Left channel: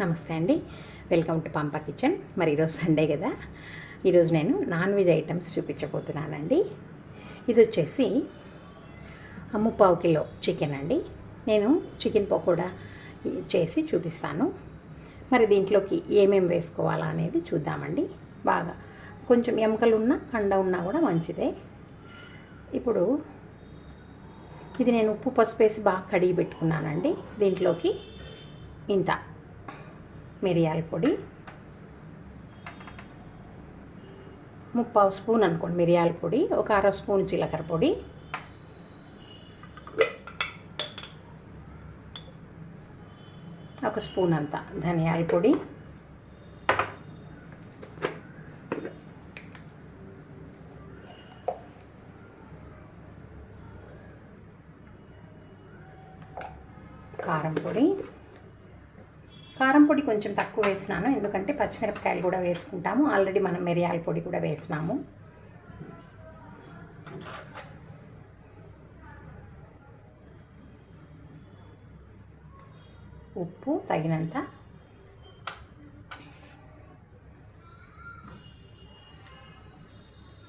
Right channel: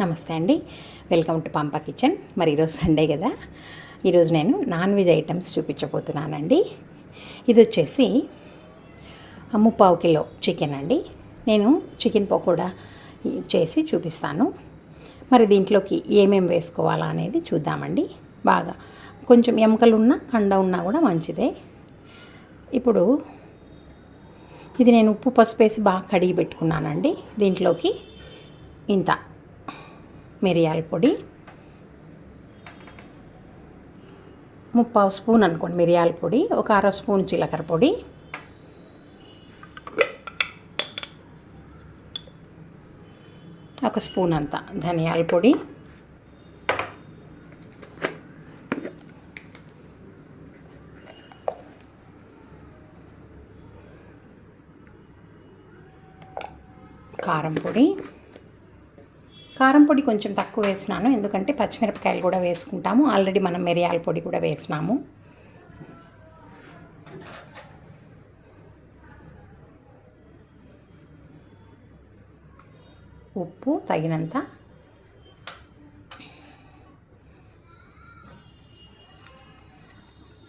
నమస్తే అండి, welcome to పంప కిచెన్. మరి ఈరోజు సండే కదా, ఈరోజు నేను నాన్ వెజ్ ఐటమ్స్ చూపించబోతున్నానండి. ఇది వచ్చేసి 3/4 కిలో చికెన్ అండి. నేను చికెన్ పకోడా చేసి చూపిస్తాను. మరి దీంట్లోకి ఏమేమి వేసుకోవాలా అనేది చూద్దామండి. బాగా కొంచెం ఎముకలు ఉన్నా కండ ఉన్నా కూడా మంచిదే. ఇప్పుడు ఇది నేను ఉప్పు పసుపు వేసి బాగా కడిగి పెట్టుకున్నానండి. దీంట్లోకి ఇంత మిరియాల పొడి, 3/4 స్పూన్ అనుకోండి మిరియాల పొడి, ఒక 1/2 స్పూన్ జీలకర్ర పొడి, ఒక స్పూన్ అంత ధనియాల పొడి, కారం పొడి కొంచెం తక్కువ వేసినాను, ఎందుకంటే పచ్చిమిరపకాయలు కూడా వేసుకుంటాము. ఆల్రెడీ మనం మిరియాల పొడి కూడా వేసినాము. ఉప్పు తగినంత,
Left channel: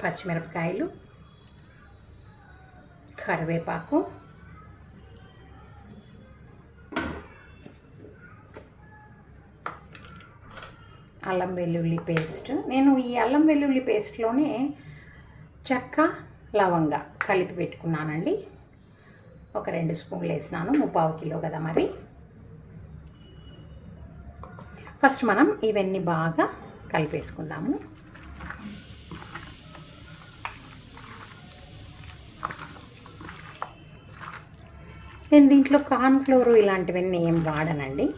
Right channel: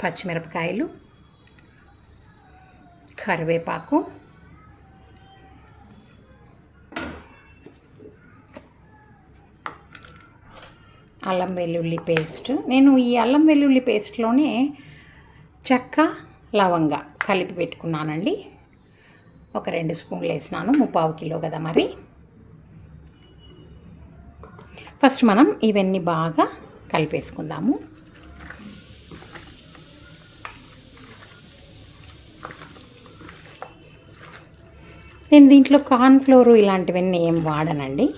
పచ్చిమిరపకాయలు, కరివేపాకు, అల్లం వెల్లుల్లి పేస్ట్. నేను ఈ అల్లం వెల్లుల్లి పేస్ట్లోనే చెక్క లవంగా కలిపి పెట్టుకున్నానండి. ఒక 2 స్పూన్లు వేసినాను, 3/4 కిలో కదా. మరి ఫస్ట్ మనం ఇవన్నీ బాగా కలిపేసుకుందాము. నేను దీంట్లో కార్న్ఫ్లోర్ ఇలాంటివన్నీ ఏం వాడనండి.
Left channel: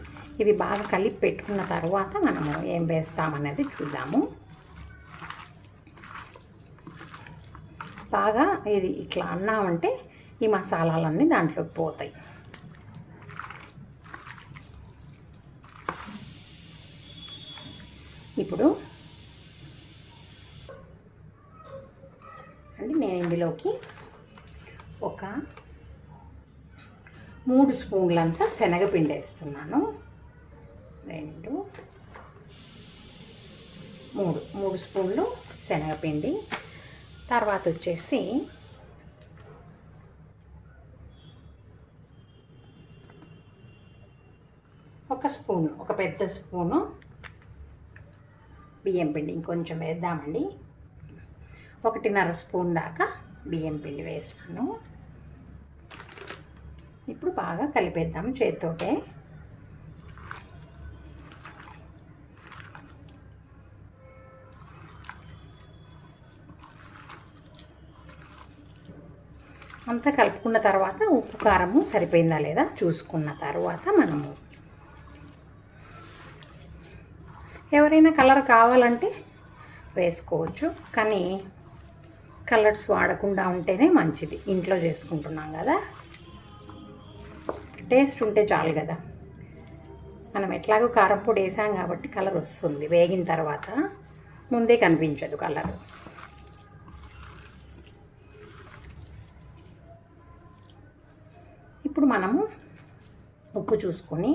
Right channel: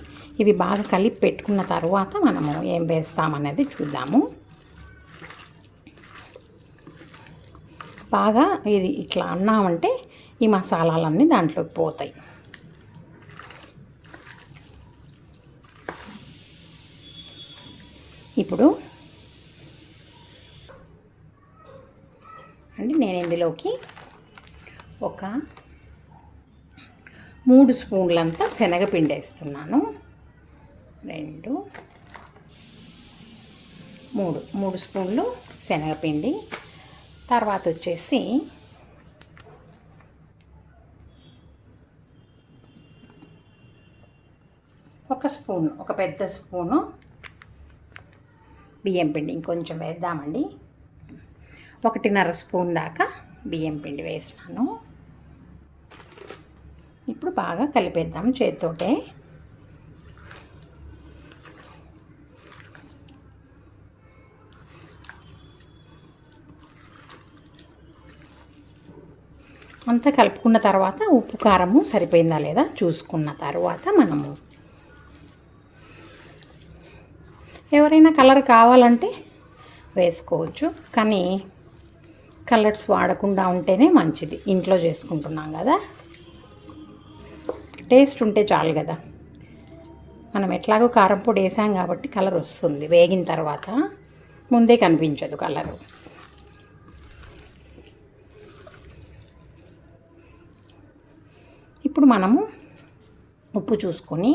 ఇవి బాగా కలిపి పెట్టుకున్న తర్వాత మనము ఏం వేస్తామనేది చూద్దాము. బాగా ఇది ఇట్లా అన్నామంటే ఈ మసాలాలన్నీ దాంట్లోకి పోతాయి. ఇప్పుడు నేను ఇందులోకి ఒక 3 స్పూన్లంతా శనగపిండి వేస్తున్నాను. 2, 3 స్పూన్లు శనగపిండి. తర్వాత వచ్చేసి ఒక పెద్ద స్పూను బియ్యం పిండి. ఇంకొంచెం వేద్దామండి. 1.5 స్పూన్ దాకా బియ్యం పిండి వేసినాను. ఇప్పుడు బాగా కలిపేద్దాం చేతితోటే. అంతా కలుపుకున్న తర్వాత ఉప్పు కారము సరిపోయిందా లేదా చూసుకున్న తర్వాత మనము ఎవరైనా కలర్ కావాలంటే వేసుకోవచ్చు, కానీ కలర్స్ వాడకుండా ఉంటేనే మంచిది. ఇంట్లో చేసుకుంటున్నాం కదా, టేస్ట్ ఉంటే చాలు కదా. మనం ఎట్లాగో కారం పొడి వేసాం కాబట్టి కలర్ వస్తుంది. వేగిన తర్వాత ముందే కనిపించదు కలరు. ఇప్పుడు మనము ఉప్పు చూసుకొని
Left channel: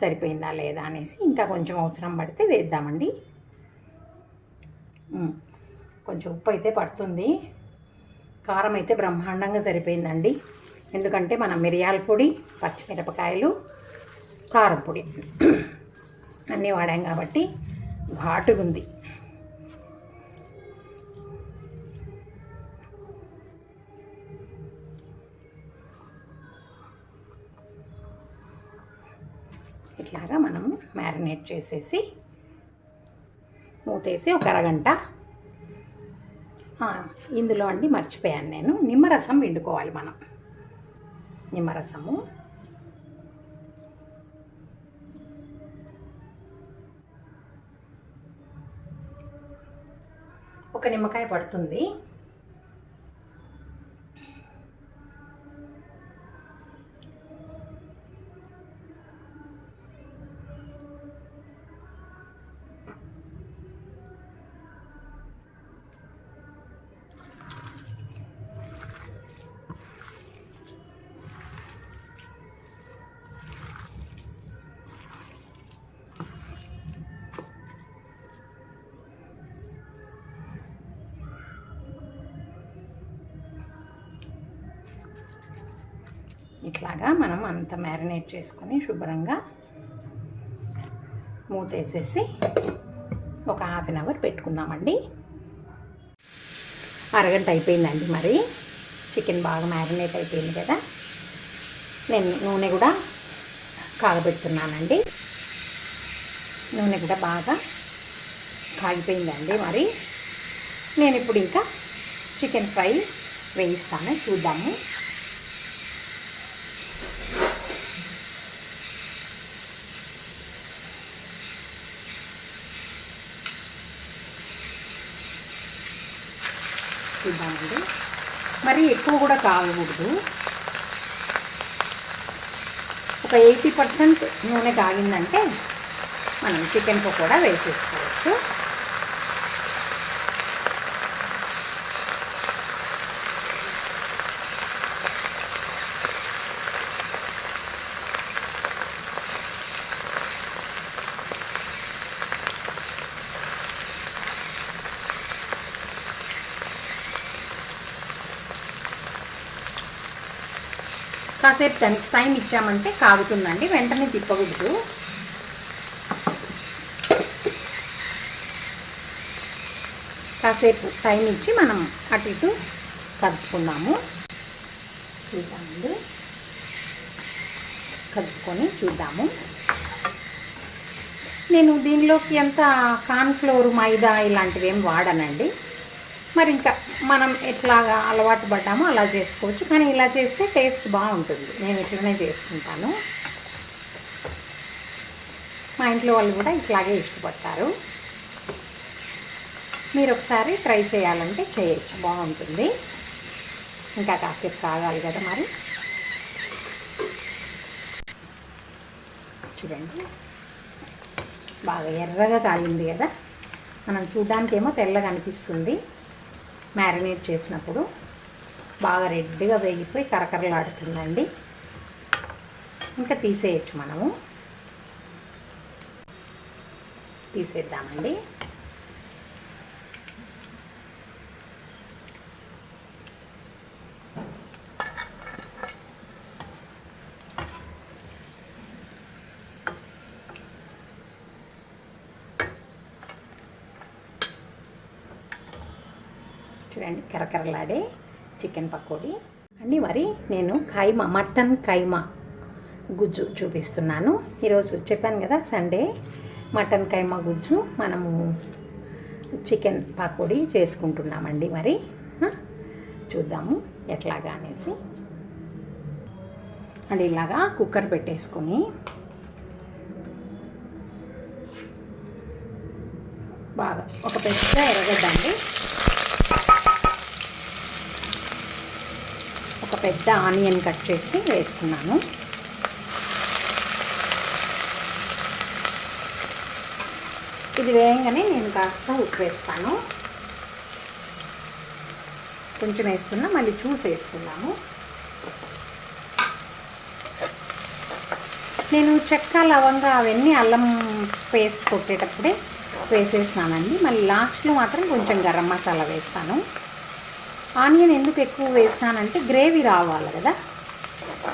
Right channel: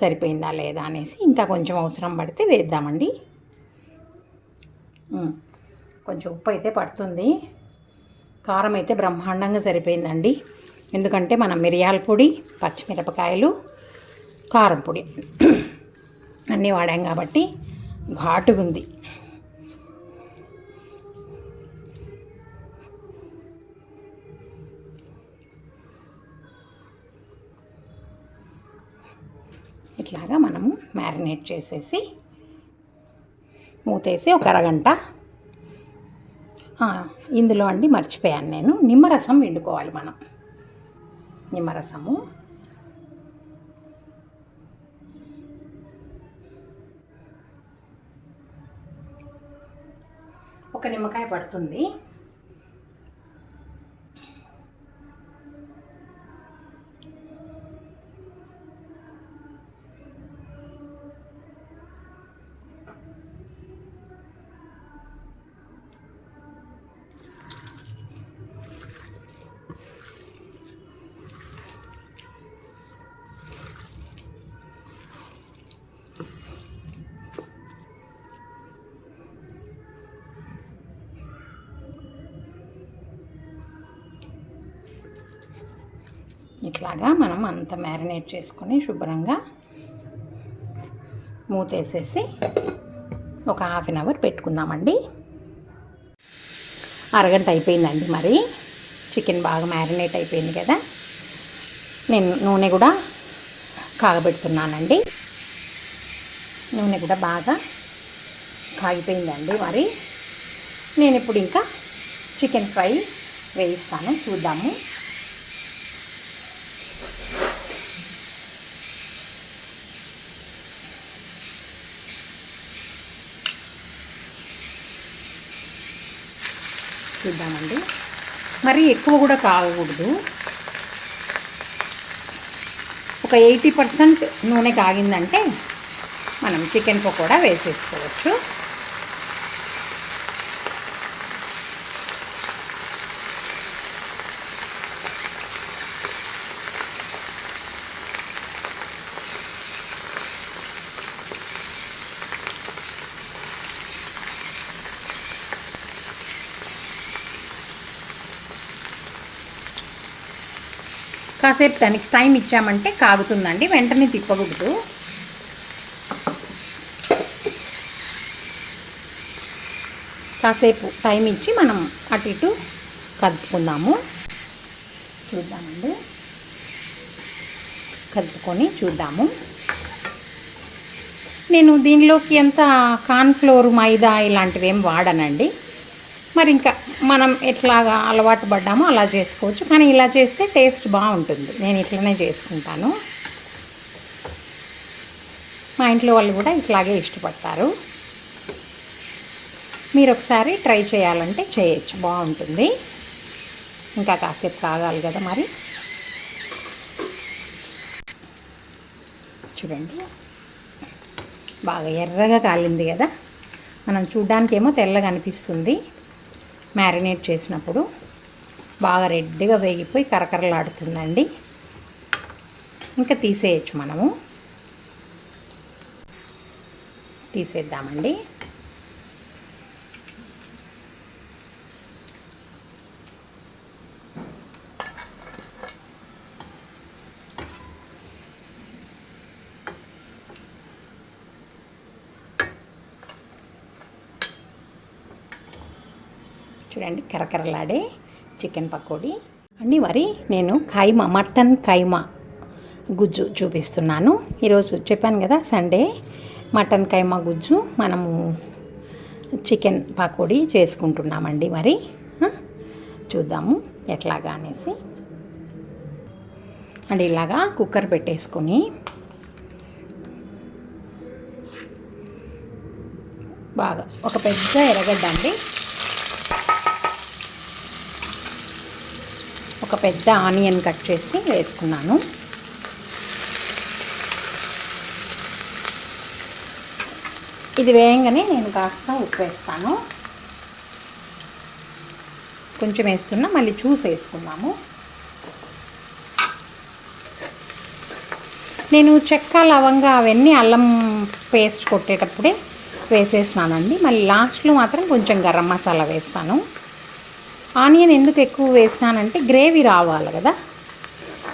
సరిపోయిందా లేదా అనేసి ఇంకా కొంచెం అవసరం పడితే వేద్దామండి. కొంచెం ఉప్పు అయితే పడుతుంది. కారం అయితే బ్రహ్మాండంగా సరిపోయిందండి, ఎందుకంటే మనం మిరియాల పొడి, పచ్చిమిరపకాయలు, కారం పొడి అన్నీ వాడాం కాబట్టి ఘాటుగా ఉంది. ఇట్లాగా మనము మ్యారినేట్ చేసేసి మూతేసి ఒక అరగంట. ఇందులో అండి మర్చిపోయాను నేను, నిమ్మరసం పిండుకోవాలి మనం. నిమ్మరసము ఒక నిమ్మకాయ పడుతుంది. ఇట్లాగా మనం అంతా మ్యారినేట్ చేసుకొని శుభ్రంగా మూతేసేసి ఒక హాఫ్ అన్ అవర్ పెట్టుకుందామండి. అరగంట అయిపోయిందండి. మరి చికెన్ బాగా మ్యారినేట్ అయిపోయింది కదా. నేను నూనె కూడా కాగబెడుతున్నానండి. నూనె కూడా బాగా కాగిపోయిందండి. మరి నేను ఇప్పుడు ఇంకా చికెన్ ఫ్రై వేయిస్తాను, చూద్దాము. చూద్దామండి. మరి ఎక్కువ కూడా కాగకూడదు. ఒక 80% నూనె కాగిందంటే మనం చికెన్ పకోడా వేసేసుకోవచ్చు. కాసేపు దానికి టైం ఇచ్చామంటే కాగుతుందండి, వెంటనే తిప్పకూడదు. కాసేపు టైం ఇచ్చి మనం అటు ఇటు కదుపుకుందాము. చూద్దామండి, కదుపుకొని చూద్దాము. నేను దీనిలోకి ఎంత కార్న్ఫ్లోర్, మైదా ఇలాంటివి ఏం వాడనండి. మరి ఇంకా మనం ఎట్లాగా అలవాటు పడ్డామో అలా చేసుకోవచ్చు, కానీ ఇలా చేస్తే టేస్ట్ బాగుంటుంది. నేను ఇట్లనే చేసుకుంటాను. మా ఇంట్లో వాళ్ళు కూడా ఇట్లాగే ఇష్టపడతారు. మీరు ఒకసారి ట్రై చేయాలంటే చేయొచ్చు, బాగుంటుంది. ఇంకా కాసేపు కాగాలి కదా. మరి చూడండి, బాగా ఎర్రగా కాలింది కదా. మనం చూడ్డానికేమో తెల్లగా అనిపిస్తుంది, మ్యారినేట్ చేసినప్పుడు బాగా రెడ్గా వేగిపోయి కరకరలాడుతుందండి. ఇంకా తీసేయచ్చు, మనము తీసేద్దామండి. చూడండి, కరకరలాడే చికెన్ పకోడీ అండి. మరి నేను కైమా, మటన్ కైమా గుజ్జు చూపిస్తున్నాను. ఈరోజు చెప్పాను కదా సండే, మటన్ కైమా గుజ్జు మనము చికెన్ పకోడీ చేసుకుంటున్నామండి. మరి చూద్దాము ఎట్లాగా అనేసి. అండ్ ఇలాగా కుక్కర్ పెట్టేసుకొని బాగా ఒక పెద్ద ఎర్రగడ్డ అండి, ఒక పెద్ద ఆనియన్ కట్ చేసి వేసుకున్నాను. ఇది వేయంగానే నేను కాస్త ఉప్పు వేస్తాను. కొంచెం వేస్తున్నా, మళ్ళీ చూసి వేసుకున్నాము. నేను చెక్క, లవంగా అవన్నీ అల్లం పేస్ట్ కొట్టేటప్పుడే వేసేసినానండి. మళ్ళీ లాస్ట్లో మాత్రం కొంచెం గరం మసాలా వేస్తాను. ఆనియన్ ఎందుకు ఎక్కువ వేసినానంటే గ్రేవీ రావాలి కదా.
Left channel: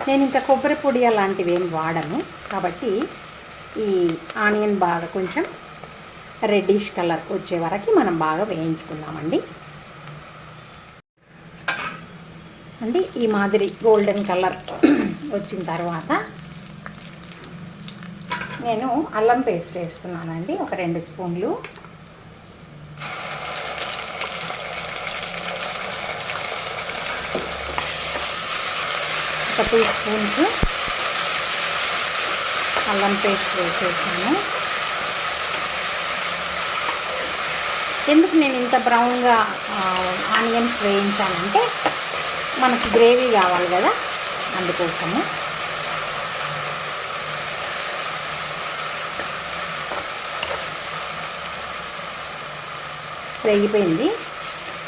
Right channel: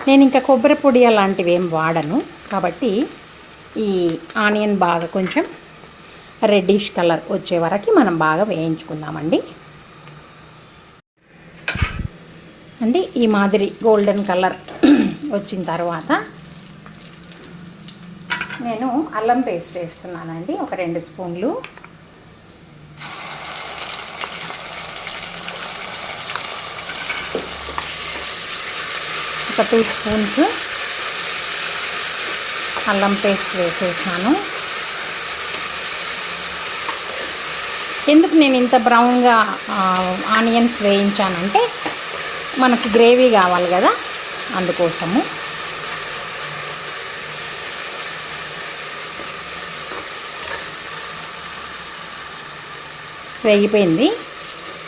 నేను ఇంకా కొబ్బరి పొడి అలాంటివి ఏం వాడను, కాబట్టి ఈ ఆనియన్ బాగా కొంచెం రెడ్డిష్ కలర్ వచ్చే వరకు మనం బాగా వేయించుకుందామండి. అంటే ఈ మాదిరి గోల్డెన్ కలర్ వచ్చిన తర్వాత నేను అల్లం పేస్ట్ వేస్తున్నానండి, ఒక 2 స్పూన్లు. ఒక 2 స్పూన్స్ అల్లం పేస్ట్ వేసేసాను. ఎందుకు నేను ఇంత బ్రౌన్గా ఆనియన్స్ వేయించానంటే మనకు గ్రేవీ కావాలి కదా, అందుకోసము. వేగిపోయింది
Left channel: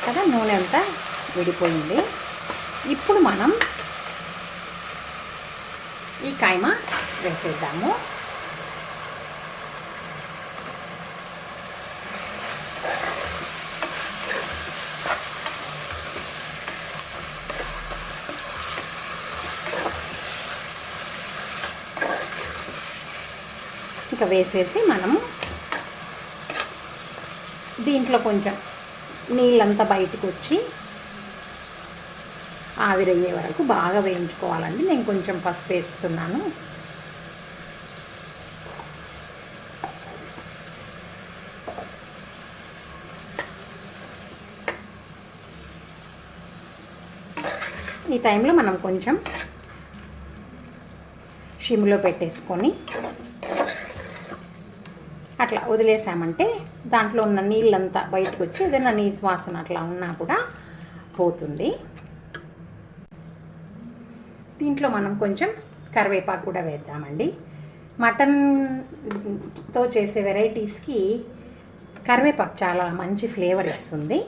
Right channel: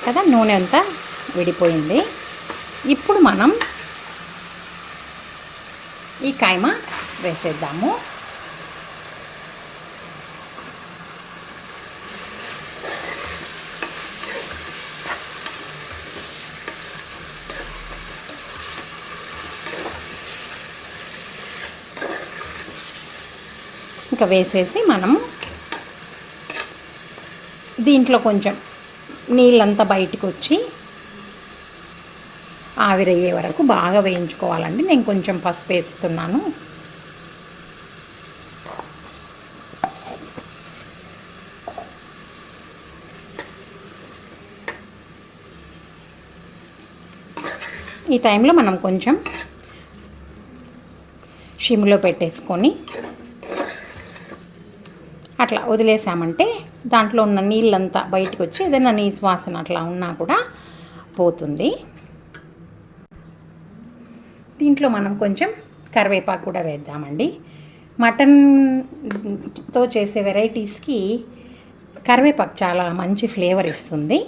కదా, నూనె అంతా విడిపోయింది. ఇప్పుడు మనం ఈ కైమా వేసేద్దాము. ఇంకా వేసేసి మనం దీంట్లో కొంచెం నీళ్ళంతా బయటికి వచ్చి ఆవిరయ్యే వరకు బాగా వేయించుకోవాలండి. నేను కొంచెం పసుపు వేస్తున్నాను. ఈ టైంలో మనం కొంచెం సిమ్లో పెట్టేసుకొని అట్లా వదిలేసామంటే దాంట్లో ఉన్న నీళ్ళంతా బయటకు వచ్చి ఏదైనా నీసు వాసన అట్లా ఉన్నా కూడా పోతుంది. దీంట్లో మనం కొంచెం కరివేపాకు కూడా వేద్దామండి. మటన్తో చేసే వెరైటీస్కి కరివేపాకు చాలా మంచి ఫ్లేవర్ ఇస్తుంది.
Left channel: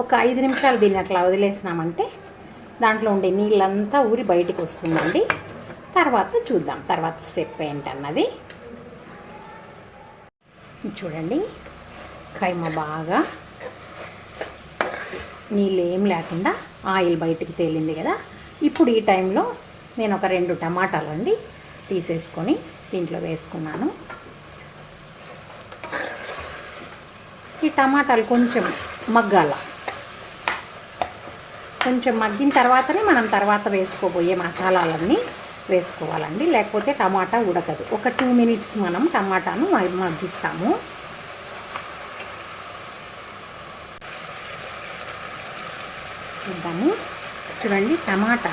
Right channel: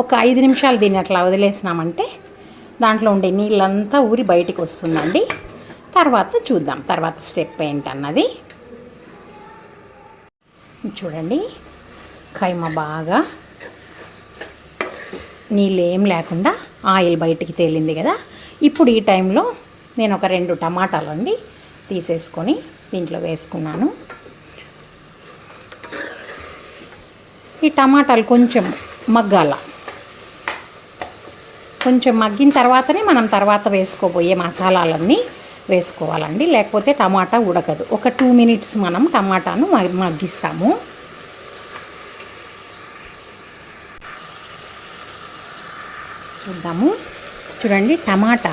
ఒక 5 నిమిషాలు దీన్ని అట్లా వదిలేసినామంటే దాంట్లో ఉండే నీళ్ళంతా ఊరి బయటికి వస్తుందండి. తర్వాత చూద్దాం తర్వాత స్టెప్ ఏంటన్నది. చూడండి, కైమా బాగా నీళ్ళు ఏం లేకుండా ఆయిల్ బయటికి తేలింది కదా. ఇప్పుడు ఈ టైంలో నేను ఒక 2 టమాటాలు అండి తీసేసుకొని దీంట్లో వేసుకున్నాను. ఈ టమాటాలు కొంచెం మగ్గాల. కొంచెం మగ్గిన తర్వాతనే మనం తర్వాత వేసుకోబోయే మసాలాలన్నీ వేసుకోవాలండి, లేకపోతే టమాటా ఉడకదు. ఒక 2 మినిట్స్ మనం టమాటాను మగ్గిస్తాము. చూద్దాము. చూడండి, టమాటా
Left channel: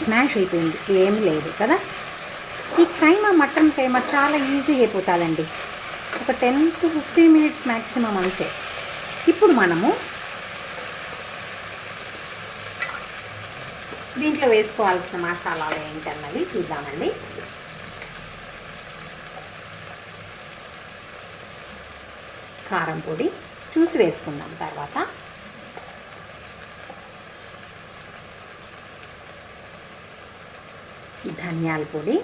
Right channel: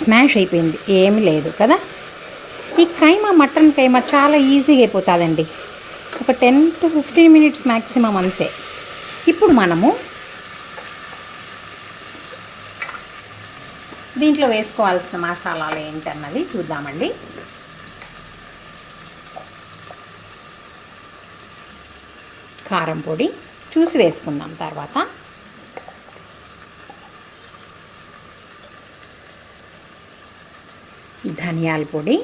స్మాష్ అయిపోయింది, ఏమీ లేదు కదా. ఈ కైమా మటన్ కైమా చాలా ఈజీగా అయిపోతుందండి. ఒక 10 to 15 మినిట్స్ మ్యాక్సిమం అంతే. ఇప్పుడు మనము దీంట్లో వేసుకోవాల్సిన మసాలాలు ఏంటన్నది చూద్దామండి. కారం పొడి చూసి వేసుకుందాం తర్వాత. ధనియాల పొడి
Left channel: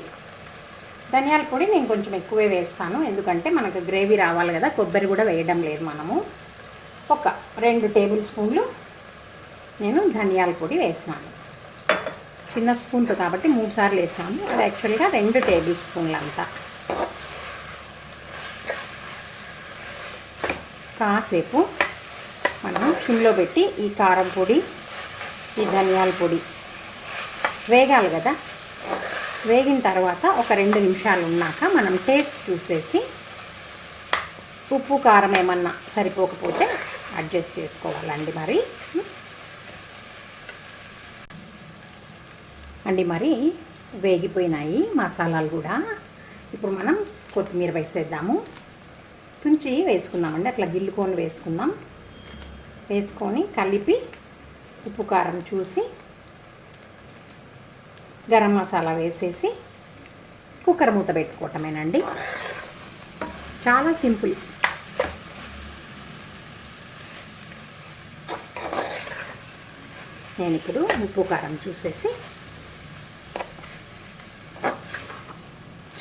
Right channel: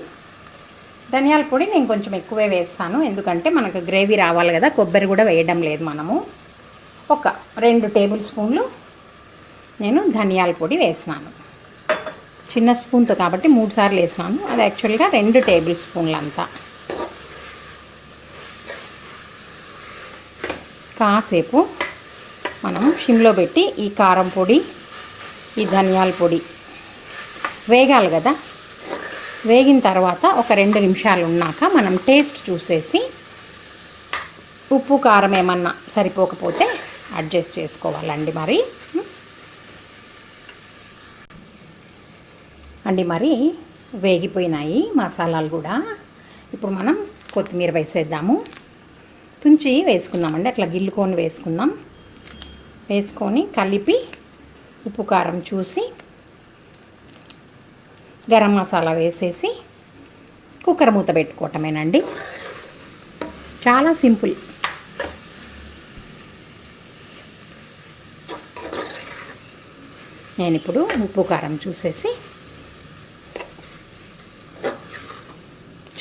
నేను కొంచెం ఎక్కువే వేస్తాను, ఎందుకంటే మనకు గ్రేవీ రావాలి కదా. కొబ్బరి కూడా వేయడం లేదు మనము. ఒక 2 టేబుల్ స్పూన్లు నేను ధనియాల పొడి వేసినాను. చిన్న స్పూన్తో కాబట్టి 3 సార్లు వేసినాను. అది యాక్చువల్గా 2 టేబుల్ స్పూన్లు అంతా. కాసేపు మనం సిమ్లో పెట్టి ఈ కారం పొడి, ఈ ధనియాల పొడి వేగాలి కదా. వేగిన తర్వాత ఒక 2 నిమిషాలు ఉన్నాక మనం టేస్ట్ చూసేసి ఉప్పు కారం ఏమన్నా సరిపోకపోతే అడ్జస్ట్ చేసుకోవాలండి. మరి వేగిపోయినాయి మసాలాలు కూడా. ఇప్పుడు మనం కొత్తిమీర వేసేద్దాము. తుంచి వేసుకుందామండి, అట్లా గిల్లుకొని వేసుకుందాం. వేసుకొని కలిపి ఉప్పు కారం చూసి గరం మసాలా వేసేసి కుక్కర్ మూత పెట్టుకోవటమేనండి. చాలా సింపుల్. నేను ఇప్పుడు ఉప్పు కారం చూసేసి,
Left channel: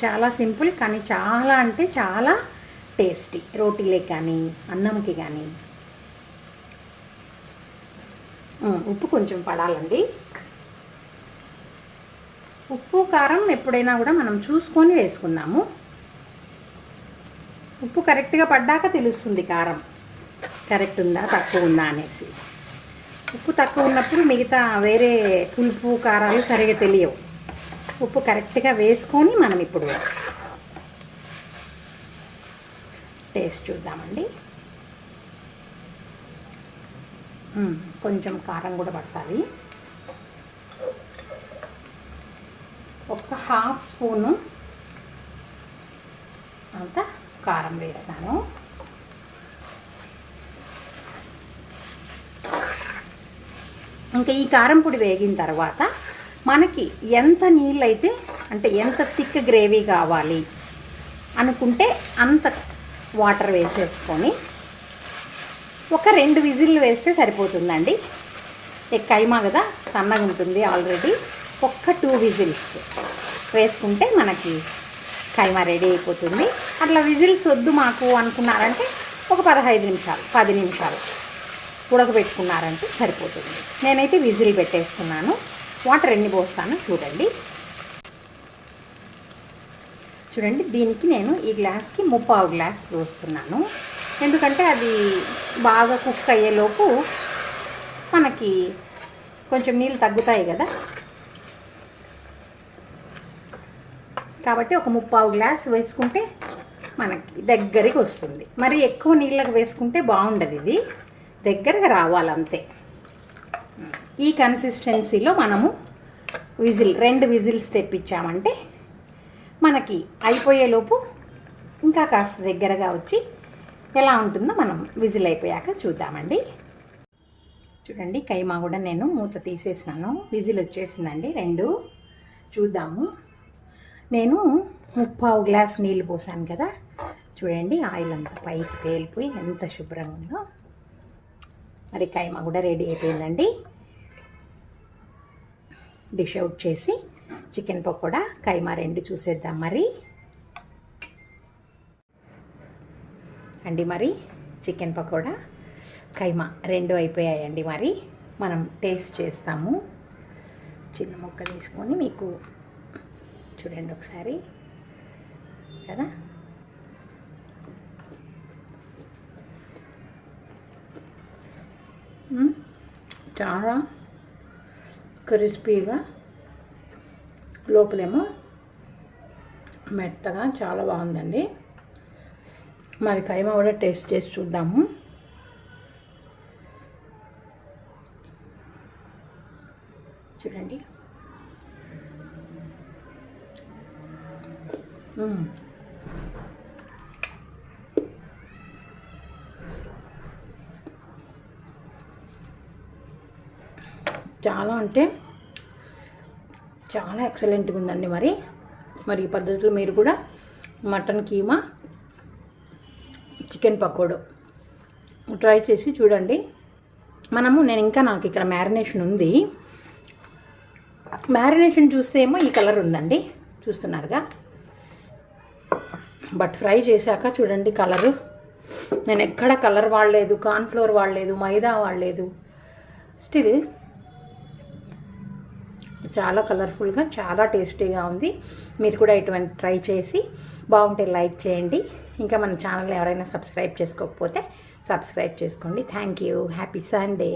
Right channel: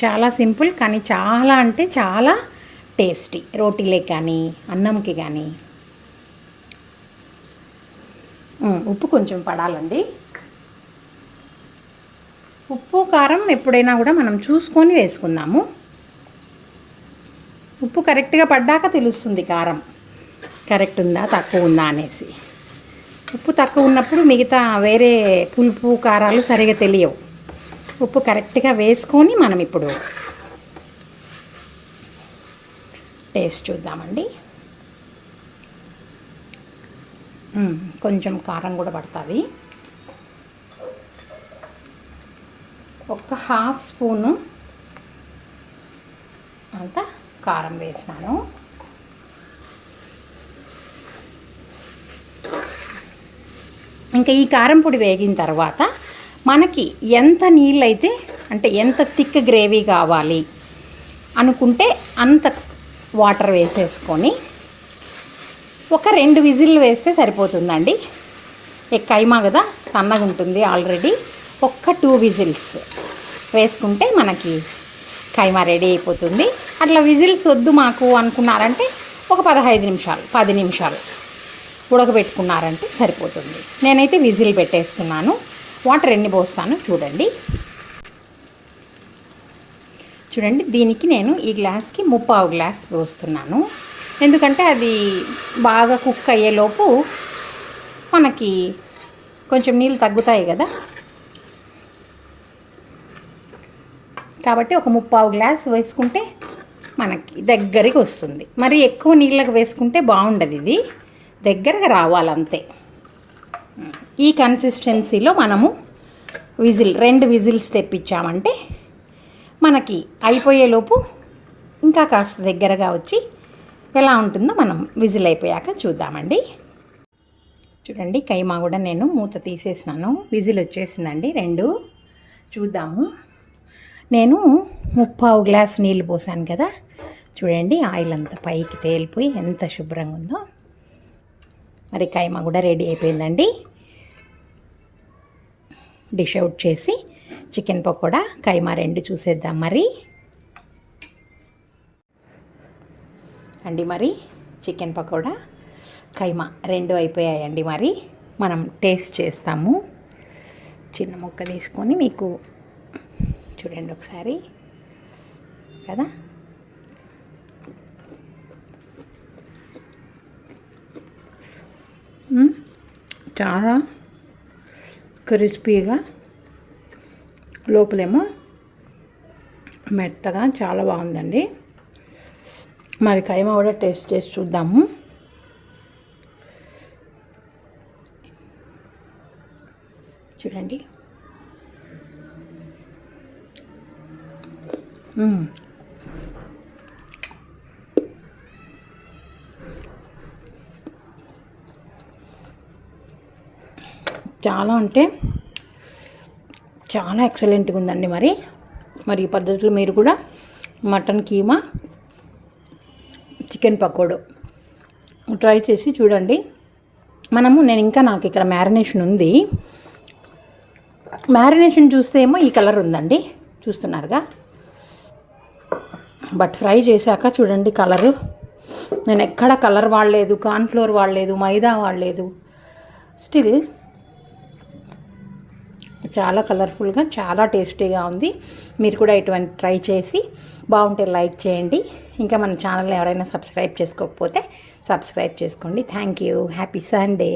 చాలా సింపుల్ కానీ చాలా అంటే చాలా టేస్టీ. రోటీలే కానీ అన్నంకి కానీ. ఉప్పు కొంచెం పడాలండి. ఉప్పు కారం ఎప్పుడైనా కూడా మనం చూసుకొని వేసుకుందాము. ఉప్పు కరెక్ట్గా పడ్డాక తెలుస్తుంది కారం కరెక్ట్ ఉందా తక్కువ ఉందా అనేసి. ఉప్పు తక్కువ ఉన్నప్పుడు మిగతా వేరే పులుపు కారాలు సరిగా తెలియవు. ఉప్పు కరెక్ట్గా వేసుకొని మనం ఇప్పుడు టేస్ట్ చూద్దామండి. కొంచెం కారం కూడా పడుతుంది. ఒక 1/2 స్పూను అంత కారం వేసినాను. ఇంకా ఈ కారం పొడి వేగిన తర్వాత మనకి ఎంత నీళ్ళైతే, అంటే ఎంత థిక్ గ్రేవీ కావాలి అనుకుంటే అంత వాటర్ వేసేసుకొని ఒక 2 విజిల్లు వేస్తే సరిపోతుందండి. కైమా కదా సన్నగా ఉంటుంది ఆల్రెడీ. ఒక్క 2 విజిల్స్ వేసుకుంటే మనకి కైమా రెడీ అయిపోతుంది. అట్లా విజిల్స్ వద్దు మాకు అనుకున్నారంటే ఒక 15 నిమిషాలు 10 నిమిషాలు ఉడకబెట్టుకున్నారంటే సరిపోతుంది. నేనైతే విజిల్ పెట్టేస్తున్నాను. వాటర్ ఎన్ని పోస్తాను చూడండి. చూడండి, దీనికి నేను ఈ గ్లాస్కి 3/4 గ్లాస్ పోస్తున్నాను. ఎందుకంటే అది బాగా కుక్ అయ్యేలోపు మనకి కొంచెం నీళ్ళు తగ్గుతాయి కదా, కాబట్టి ఒక 3/4 గ్లాస్ వేసుకుంటే మనకి దగ్గరికి వస్తుంది. మరి ఎక్కువ నీళ్ళకి వేసుకుంటే బాగుండదు, ఇది దగ్గరగా రావాలంతే. ఈ కన్సిస్టెన్సీలో మనము 2 విజిల్స్ తెప్పించామంటే మనకి అయిపోయేలోపు ఇంకా కాస్త దగ్గరగా వచ్చి ఎలా ఉంటుందో మనం విజిల్ అయిపోయాక చూద్దామండి. చూడండి, కైమా కూడా నేను మూత తీసేసినాను. విజిల్ వచ్చేసిందండి 2. చూద్దాము. నేను 3/4 గ్లాస్ నీళ్ళు పోసాను కదా, చూడండి ఆయిల్ అంతా పైకి తేలిపోయి ఎంత శుభ్రంగా ఉందో. మరి కైమా కూడా రెడీ అయిపోయిందండి. డిష్ అవుట్ చేసి చికెన్ పకోడా, కైమా 2 చూసేద్దాం మరి. మరి చికెన్ పకోడా, కైమా 2 అయిపోయాయండి. మరి మనం టేస్ట్ చేస్తాము. చిన్న ముక్క తీసుకొని మీకు చూడండి ఒకసారి కదా. చాలా క్రిస్పీగా, లోపలేమో మెత్తగా చాలా బాగుందండి. మరి కైమా కూడా టేస్ట్ చేసి చూద్దాము. చూడండి, చాలా అంటే చాలా ఎక్సలెంట్గా ఉందండి. మరి ఈ పద్ధతిలో మీరు కూడా mutton keema, chicken pakoda try చేసి చూడండి. నేను ఇంకా నాకు ఇక్కడ మ్యారినేషన్ ఉంది. మ్యారినేషన్ చూస్తే ఏమో ఈ కలర్ ఉందండి, చూస్తున్నారుగా. బట్ ఫ్రై చేశాక చూడండి కలరు. నేను ఎక్కడ కలర్ వాడలేదు, కార్న్ఫ్లోర్ వాడలేదు, మైదా వాడలేదు. స్టిల్ చాలా కలర్ఫుల్గా, చాలా టేస్టీగా ఉంది. మీరు కూడా ఇటువంటి ట్రై చేసి బాగుంటే లైక్ చేయండి. ఇంకా మన ఛానల్ని ఎవరైనా సబ్స్క్రైబ్ చేసుకోకపోతే సబ్స్క్రైబ్ చేసుకోండి. Thank you. Happy Sunday.